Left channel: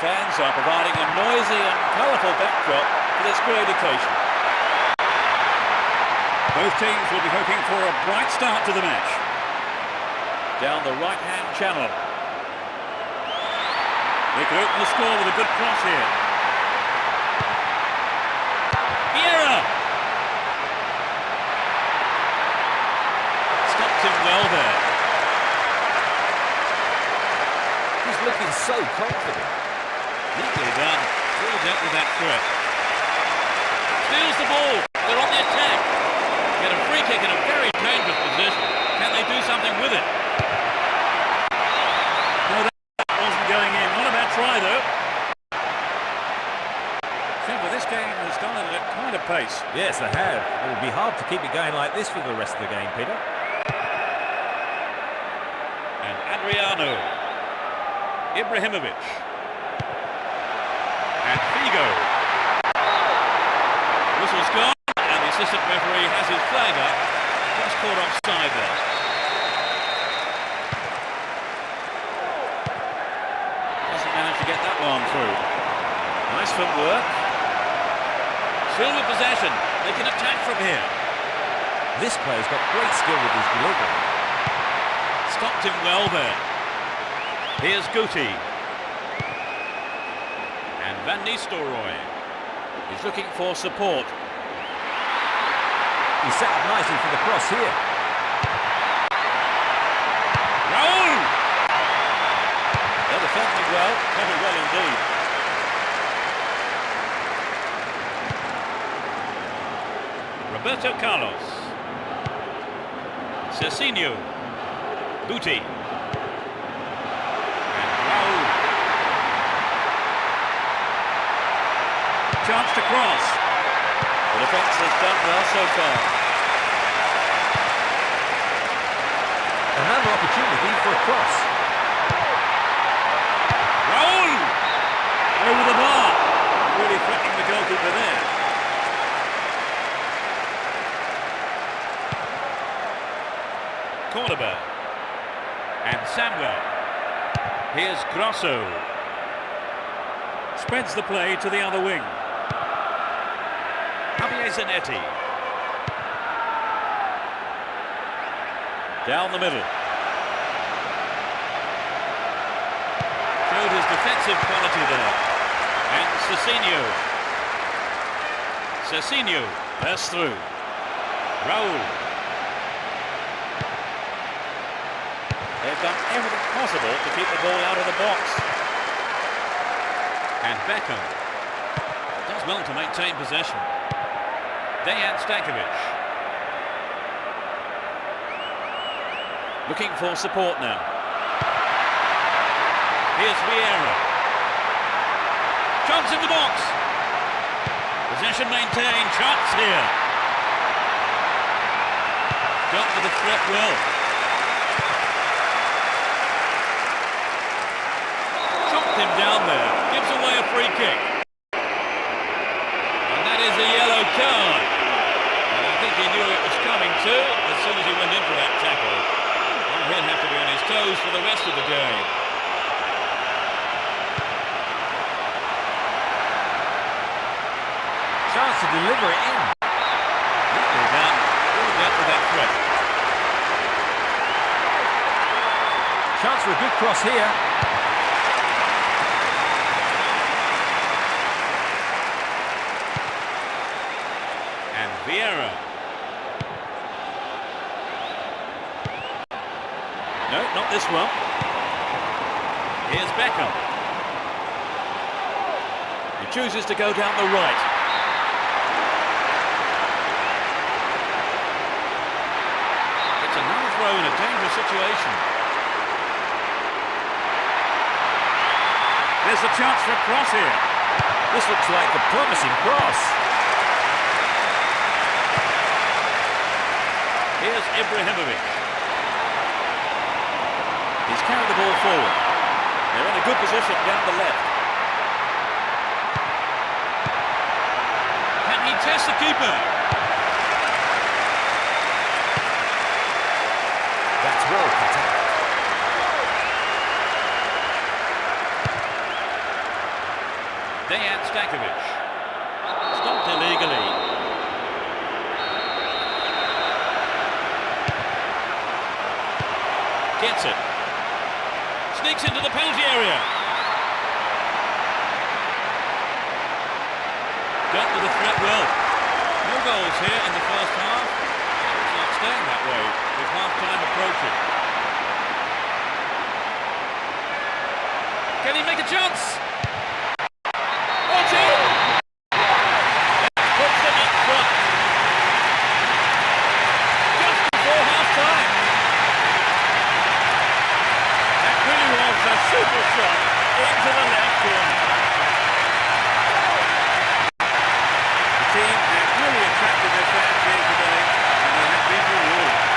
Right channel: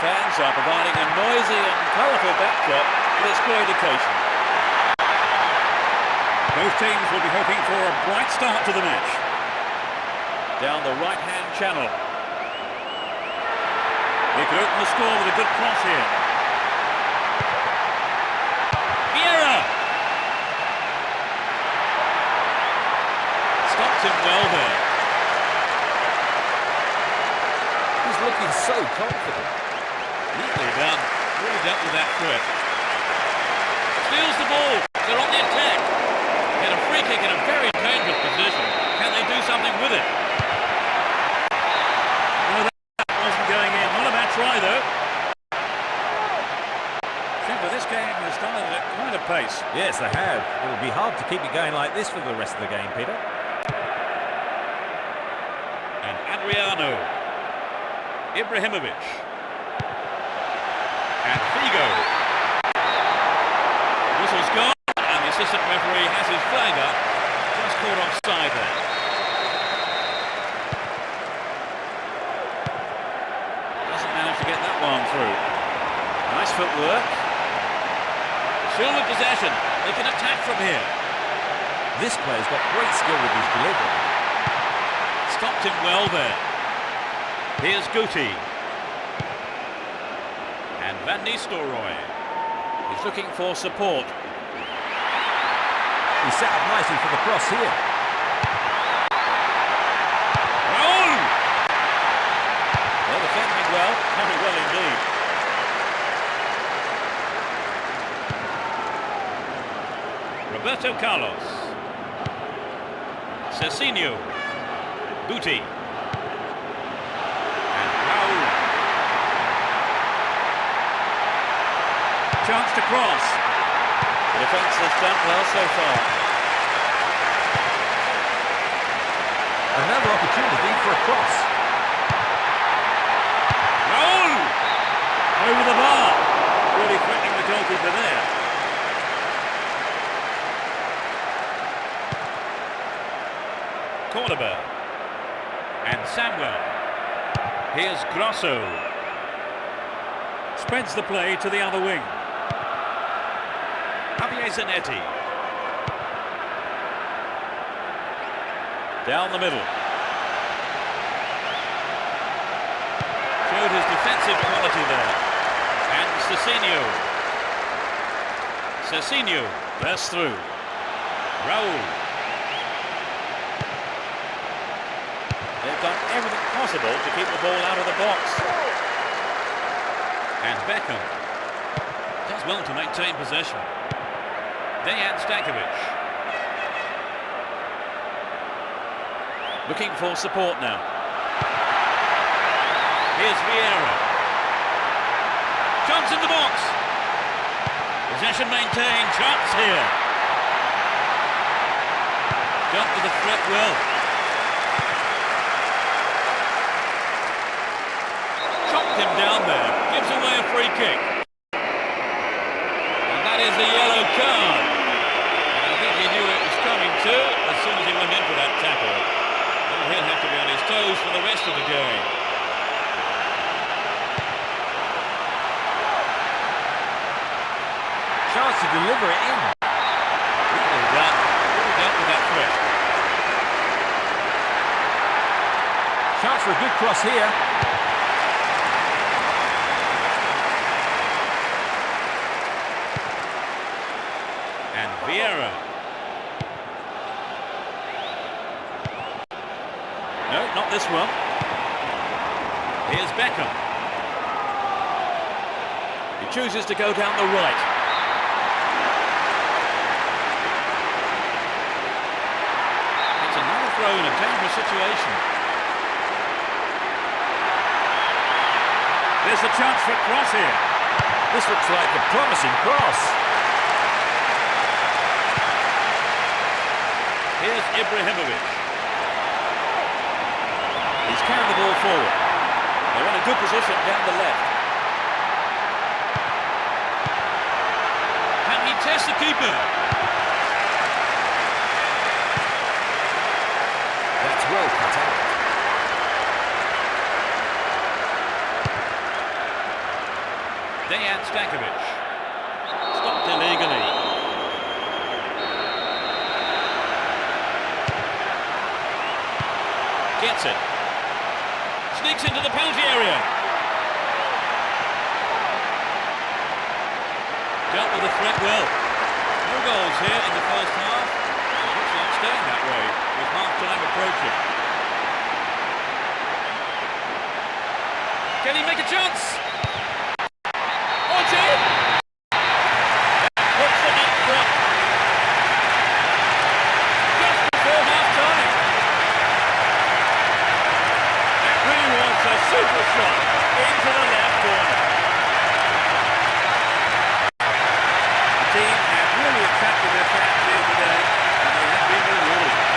Fans are providing a noisy and colourful backdrop for this great occasion. Both teams will be hoping for a bright start to the match. Down the right-hand channel. They could open the score with a good cross here. Vieira! Stopped him well there. He's looking so confident. Neatly done. Really dealt with that threat. Steals the ball. They're on the attack. Get a free kick in a very dangerous position. Can they do something with it? No, that wasn't going in. Not a bad try, though. Trevor, this game has started at quite a pace. Yes, they have. It will be hard to keep it going like this for the rest of the game, Peter. And Adriano. Ibrahimovic. And Figo. Whistle's gone, and the assistant referee has his flag up. Just caught offside there. Doesn't manage to get that one through. Nice footwork. Still with possession. They can attack from here. This player's got great skill with his delivery. Stopped him well there. Here's Guti. And Van Nistelrooy is looking for support. He's set up nicely for the cross here. Raul! They're defending well, very well indeed. Roberto Carlos. Cecinho. Guti. And Raul. Chance to cross. The defence has done well so far. Another opportunity for a cross. Raul! Over the bar. Really threatening the goalkeeper there. Cordoba. And Samuel. Here's Grosso. Spreads the play to the other wing. Javier Zanetti. Down the middle. Showed his defensive quality there. And Cecinho. Cecinho bursts through. Raul. They've done everything possible to keep the ball out of the box. And Beckham does well to maintain possession. Dejan Stankovic. Looking for support now. Here's Vieira. Chance in the box. Possession maintained. Chance here. Dealt with the threat well. knocked him down there. Gives away a free kick. And that is a yellow card. And I think he knew it was coming too as soon as he went in for that tackle. Now he'll have to be on his toes for the rest of the game. Chance to deliver it in. Neatly done. Really dealt with that threat. Chance for a good cross here. And Vieira. No, not this one. Here's Beckham. He chooses to go down the right. It's another throw in a dangerous situation. There's a chance for a cross here. This looks like a promising cross. Here's Ibrahimovic. He's carried the ball forward. They're in a good position down the left. Can he test the keeper? That's well cut out. Dejan Stankovic. Stopped illegally. Gets it. Sneaks into the penalty area. Dealt with the threat well. No goals here in the first half. It looks like staying that way with half-time approaching. Can he make a chance? Oh, it's in! That puts them up front. Just before half-time. That really was a super shot into the left corner. The team have really attracted their fans here today, and they have been rewarded.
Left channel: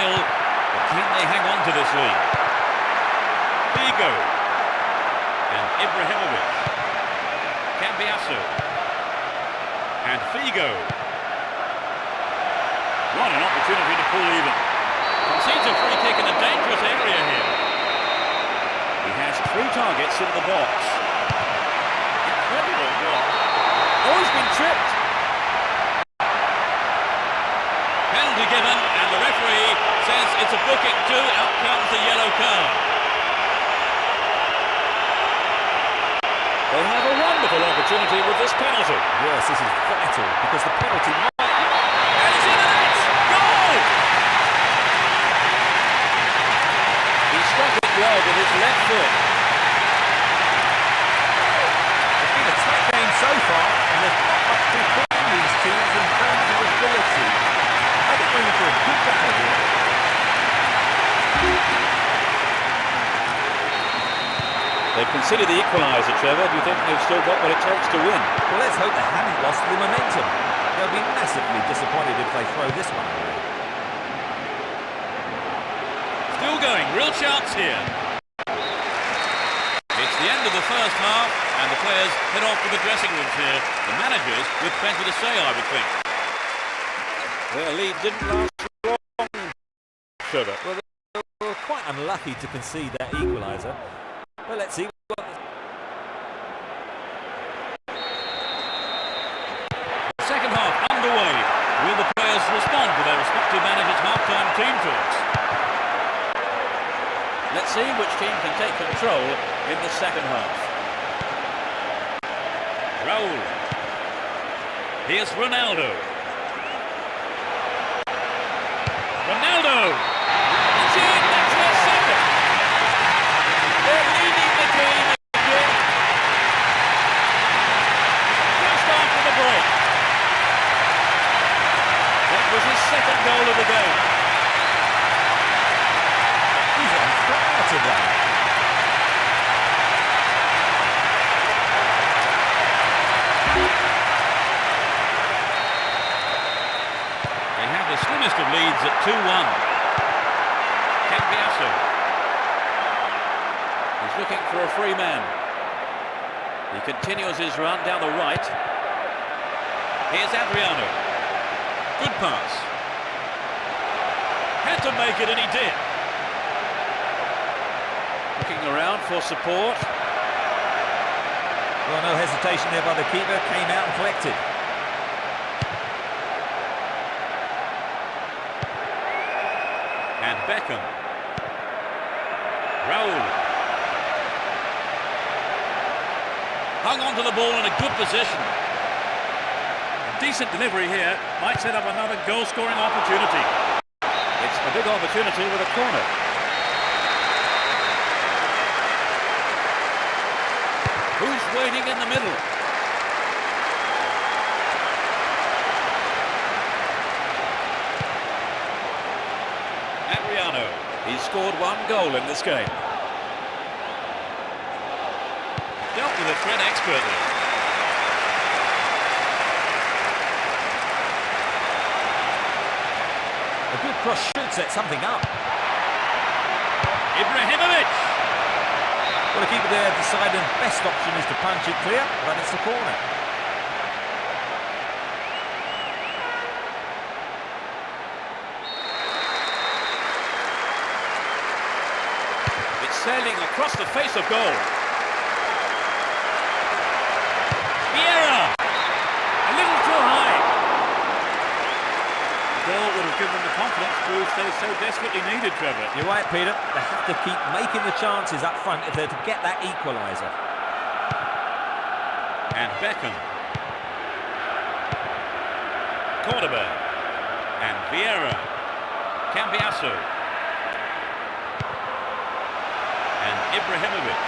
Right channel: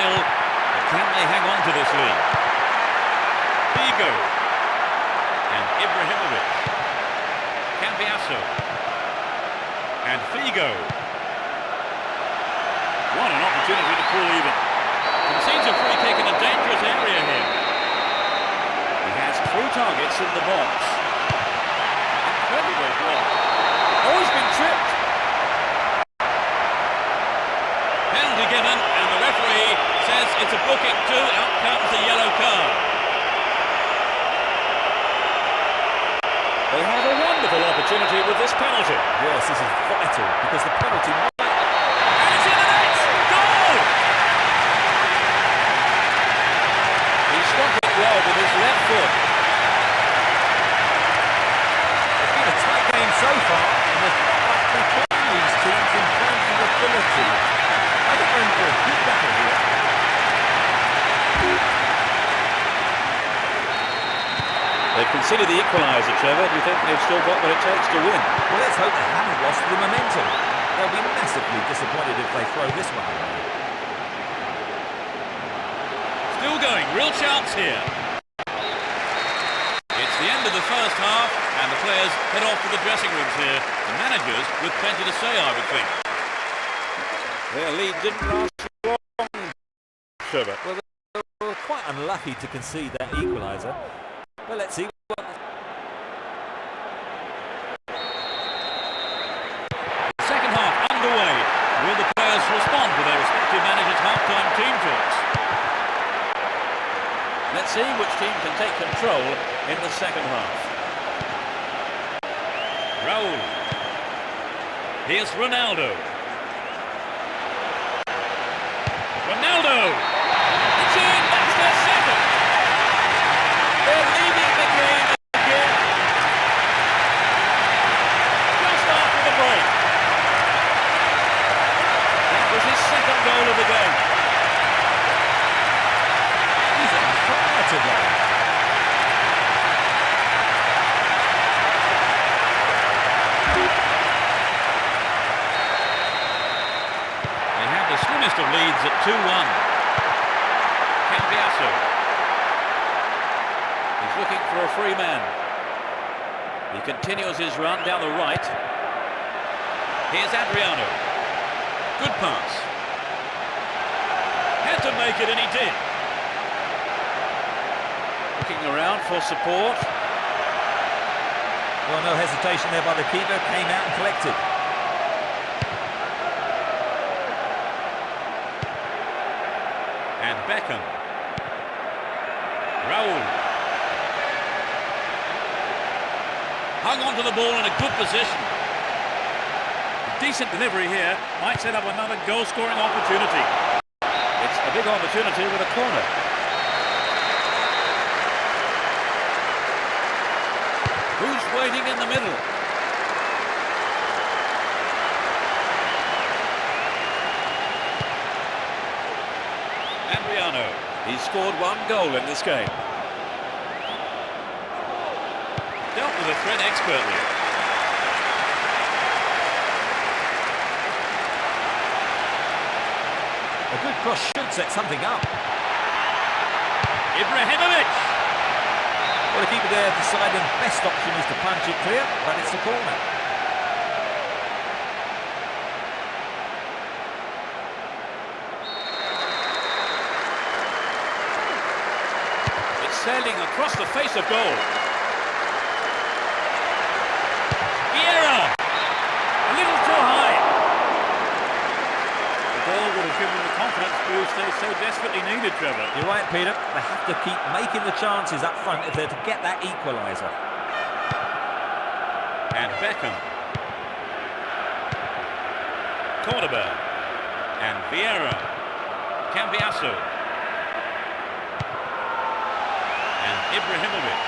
But can they hang on to this lead? Figo and Ibrahimovic. Cambiasso and Figo. What an opportunity to pull even. Concedes a free kick in a dangerous area here. He has 3 targets in the box. Incredible block. Oh, he's been tripped. Penalty given, and the referee says it's a booking too. Out comes the yellow card. They have a wonderful opportunity with this penalty. Yes, this is vital because the penalty might... And it's in the net! Goal! He struck it well with his left foot. It's been a tight game so far, and there's not much between these teams in terms of ability. I think we're in for a good battle here. They've conceded the equalizer, Trevor. Do you think they've still got what it takes to win? Well, let's hope they haven't lost the momentum. They'll be massively disappointed if they throw this one away. Still going, real chance here. It's the end of the first half, and the players head off to the dressing rooms here. The managers with plenty to say, I would think. Their lead didn't last long, Trevor. Well, they were quite unlucky to concede that equaliser. But let's see what... The second half underway. Will the players respond to their respective managers' half-time team talks? Let's see which team can take control in the second half. Raul. Here's Ronaldo. Ronaldo! It's in! That's their second! They're leading the game again. Just after the break. That was his second goal of the game. He's on fire today. grimmest of leads at 2-1. Cambiasso. He's looking for a free man. He continues his run down the right. Here's Adriano. Good pass. Had to make it, and he did. Looking around for support. Well, no hesitation there by the keeper. Came out and collected. And Beckham. Raul. Hung onto the ball in a good position. A decent delivery here might set up another goal-scoring opportunity. It's a big opportunity with a corner. Who's waiting in the middle? Adriano. He's scored one goal in this game. Dealt with the threat expertly. A good cross should set something up. Ibrahimovic. Well, the keeper there deciding best option is to punch it clear, but it's the corner. It's sailing across the face of goal. Vieira. A little too high. The goal would have given the confidence boost they so desperately needed, Trevor. You're right, Peter. They have to keep making the chances up front if they're to get that equaliser. And Beckham. Cordoba. And Vieira. Cambiasso. And Ibrahimovic.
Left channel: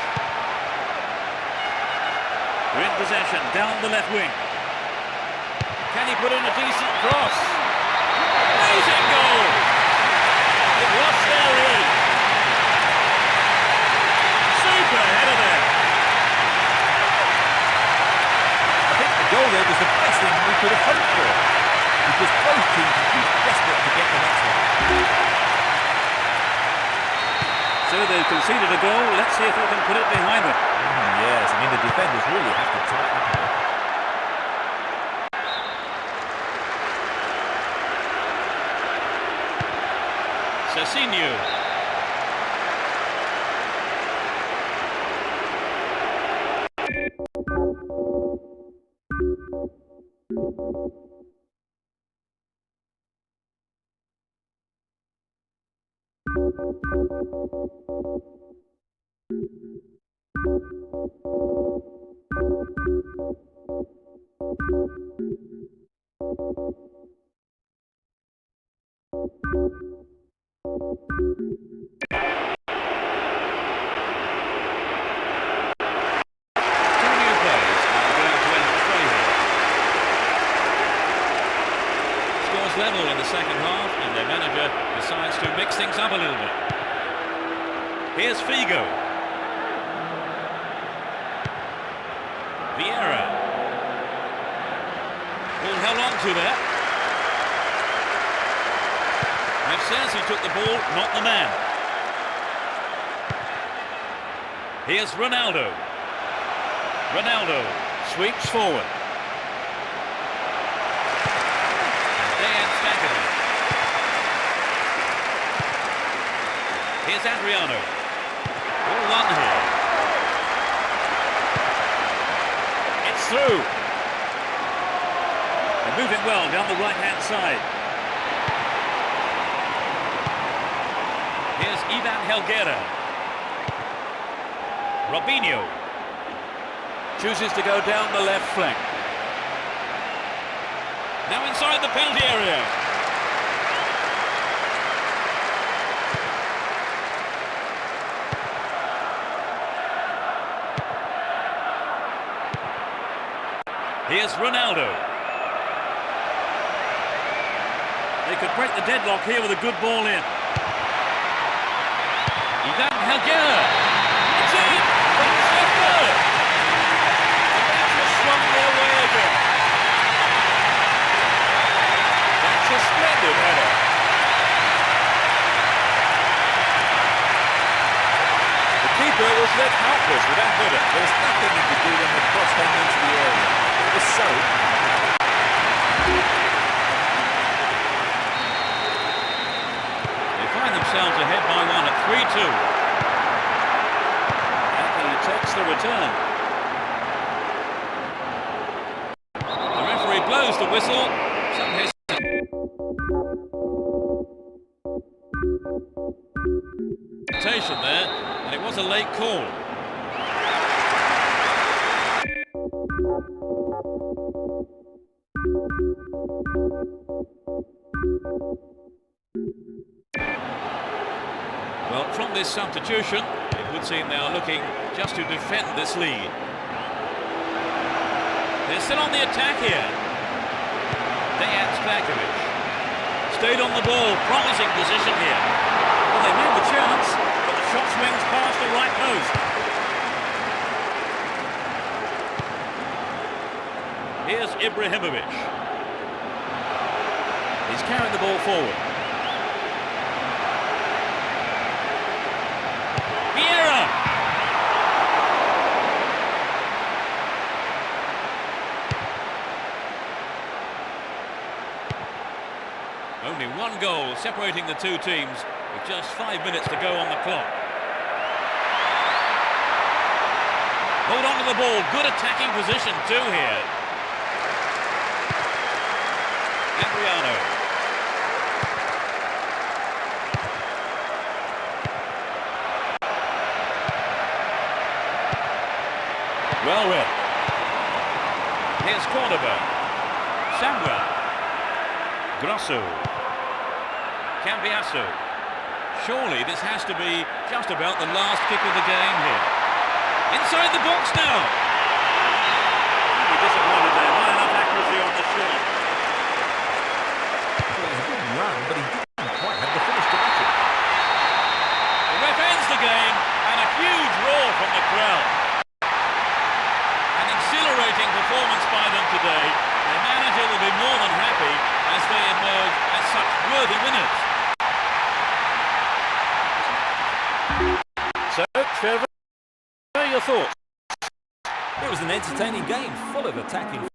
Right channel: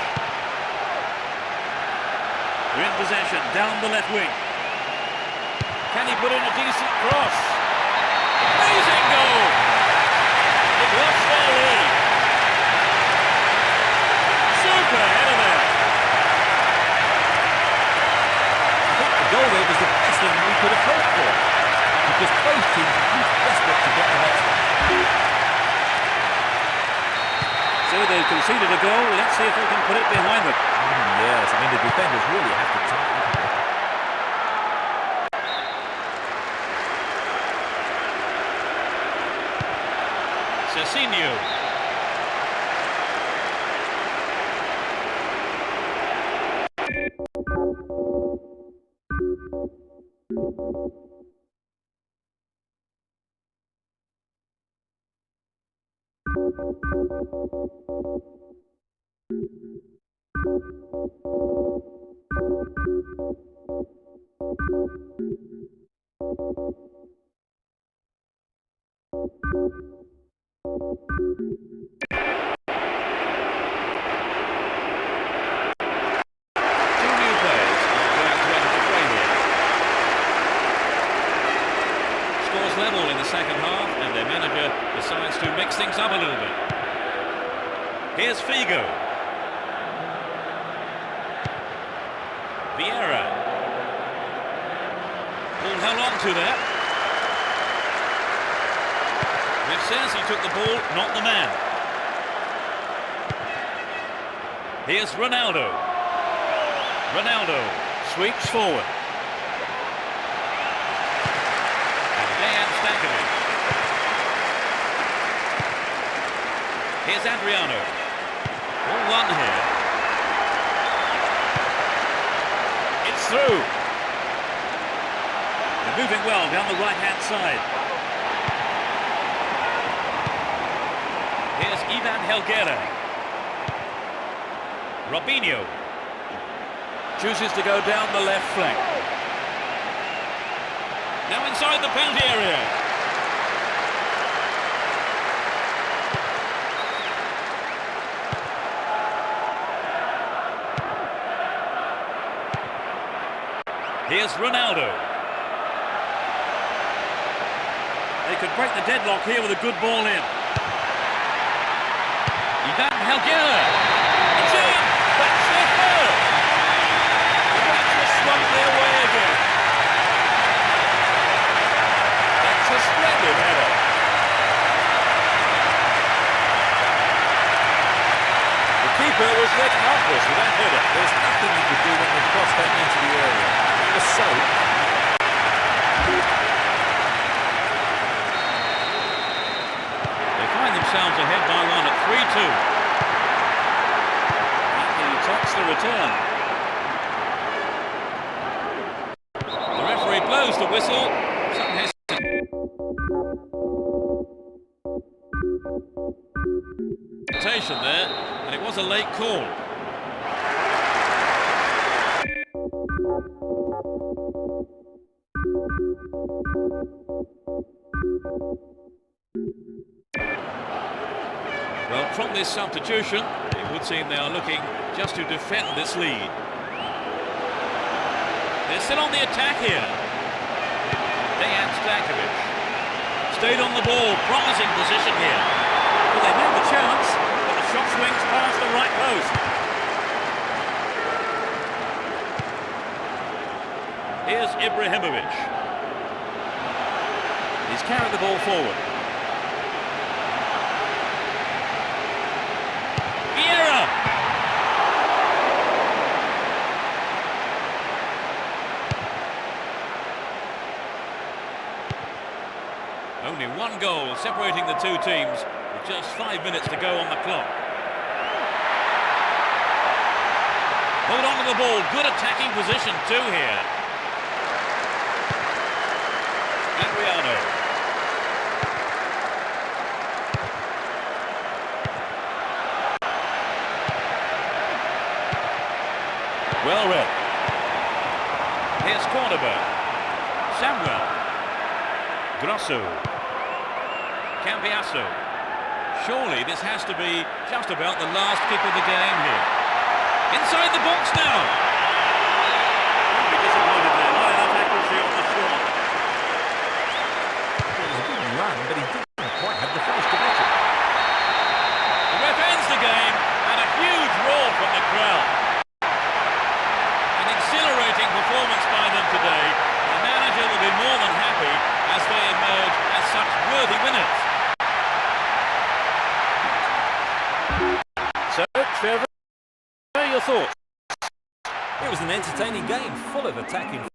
They're in possession, down the left wing. Can he put in a decent cross? Amazing goal! It lost their lead. Super header there. I think the goal there was the best thing we could have hoped for, because both teams were desperate to get the next one. So they've conceded a goal. Let's see if they can put it behind them. Yes, I mean the defenders really have to tighten up a bit. Cecinho. Scores level in the second half, and their manager decides to mix things up a little bit. Here's Figo. Vieira. Ball held on to there. Ref says he took the ball, not the man. Here's Ronaldo. Ronaldo sweeps forward. Dejan Stankovic. Here's Adriano. All one here. It's through. They're moving well down the right-hand side. Here's Ivan Helguera. Robinho chooses to go down the left flank. Now inside the penalty area. Here's Ronaldo. They could break the deadlock here with a good ball in. Ivan Helguera. It's in. That's their third. The match has swung their way again. That's a splendid header. goalkeeper was left helpless with that header. There was nothing he could do when the cross came into the area. It was so... They find themselves ahead by one at 3-2. And he takes the return. The referee blows the whistle. Some hesitation there, and it was a late call. Well, from this substitution, it would seem they are looking just to defend this lead. They're still on the attack here. Dejan Stankovic stayed on the ball, promising position here. Well, they made the chance, but the shot swings past the right post. Here's Ibrahimovic. He's carried the ball forward. Vieira! Only one goal separating the two teams with just 5 minutes to go on the clock. Hold on to the ball, good attacking position too here. Adriano. Well read. Here's Cordoba. Samuel. Grosso. Cambiasso. Surely this has to be just about the last kick of the game here. Inside the box now. Don't be disappointed there. Not enough accuracy on the shot. Well, it was a good run, but he didn't quite have the finish to match it. The ref ends the game, and a huge roar from the crowd. An exhilarating performance by them today. Their manager will be more than happy as they emerge as such worthy winners. So, Trevor, what are your thoughts? It was an entertaining game, full of attacking